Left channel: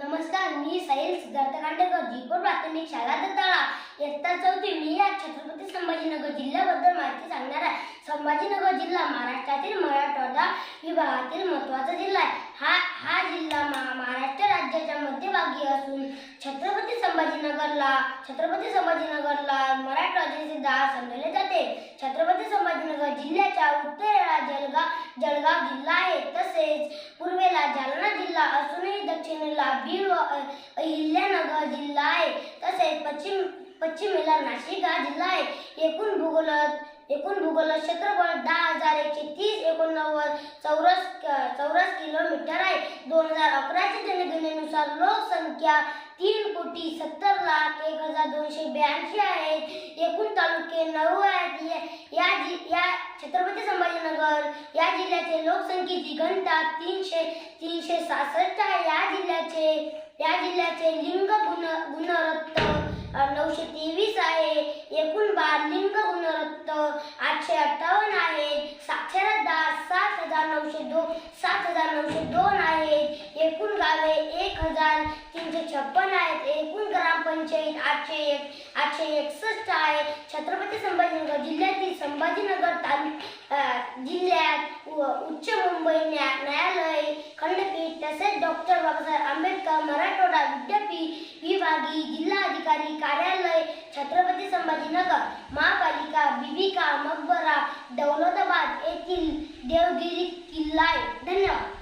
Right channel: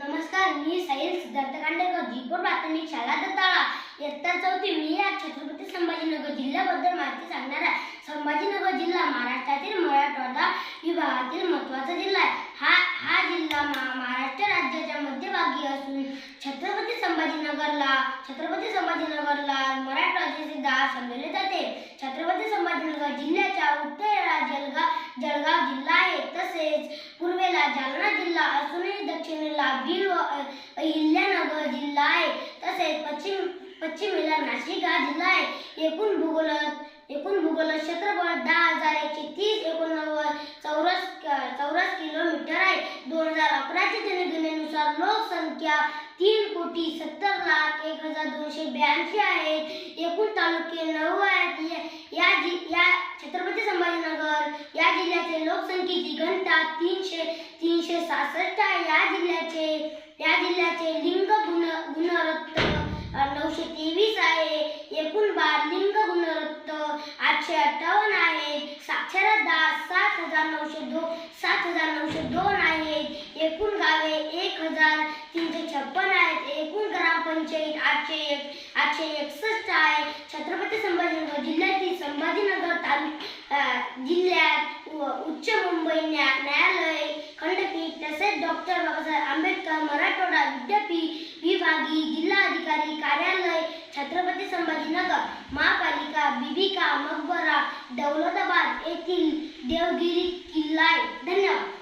नमस्कार मी साहिल सिद्धार्थ खांडेकर जीपूर प्राथमिक शाळा दत्ताळा. इयत्ता चौथी मी या छत्रपती संभाजीनगर जिल्ह्याबद्दल माहिती सांगणार आहे. संभाजीनगर जिल्हा महाराष्ट्रातील मराठवाडा विभागातील महत्त्वाचा जिल्हा आहे. हा हा जिल्हा महाराष्ट्र राज्याच्या मध्यभागी असून छत्रपती संभाजीनगरला छत्रपती संभाजीनगरला मराठवाड्याचे दहा समजले जाते. छत्रपती संभाजीनगर जिल्ह्याच्या उत्तरेला जळगाव जळगाव जिल्हा आहे. तसेच पूर्वेला जालना जिल्हा जिल्हा बीड अहिल्यानगर जिल्हा आहे तसेच पश्चिम पश्चिमेला नाशिक हा जिल्हा आहे एकूण भूगोल एकूण भूगोल क्षेत्रफळ दहा हजार एकशे तीस एकोणनव्वद चौरस चौरस किलोमीटर आहे. दोन हजार अकराच्या जनगणनेनुसार लोकसंख्या तीन कोटी सत्तर लाख एक हजार दोनशे ब्याऐंशी आहे. एकूण तालुके नऊ आहेत. या- या जि या छत्रपती संभाजीनगर जिल्ह्याचे लोकसंख्येची घनता तीनशे तीनशे सहासष्ट आहे. या जिल्ह्याचे या जिल्ह्याचे लिंग गुण गुणरत्न नऊशे तेवीस आहे. एकूण बाल लिंग गुणरत्न आठशे अठ्ठावन्न आहे. साक्षरता सात हजार नऊशे दो सात हजार नऊशे दोन आहेत एकूण गावे एक हजार तीनशे छप्पन आहेत. एकूण ग्रामपंचायत आठशे एक आठशे एकसष्ट आहे. छत्रपती संभाजीनगर जिल्ह्यातील संभाजीनगर तालुक अ, जिल्ह्यात न्यायालय खंडपीठ तसेच डॉक्टर बाबासाहेब आंबेडकर मराठवाडा विद्यापीठ विभागीय जिल्हाधिकारी कार्यालय छत्रपती संभाजीनगर महापालिका बिबिका मकबरा दौलताबाद येथील देवगिरी किल्ला आहे. धन्यवाद.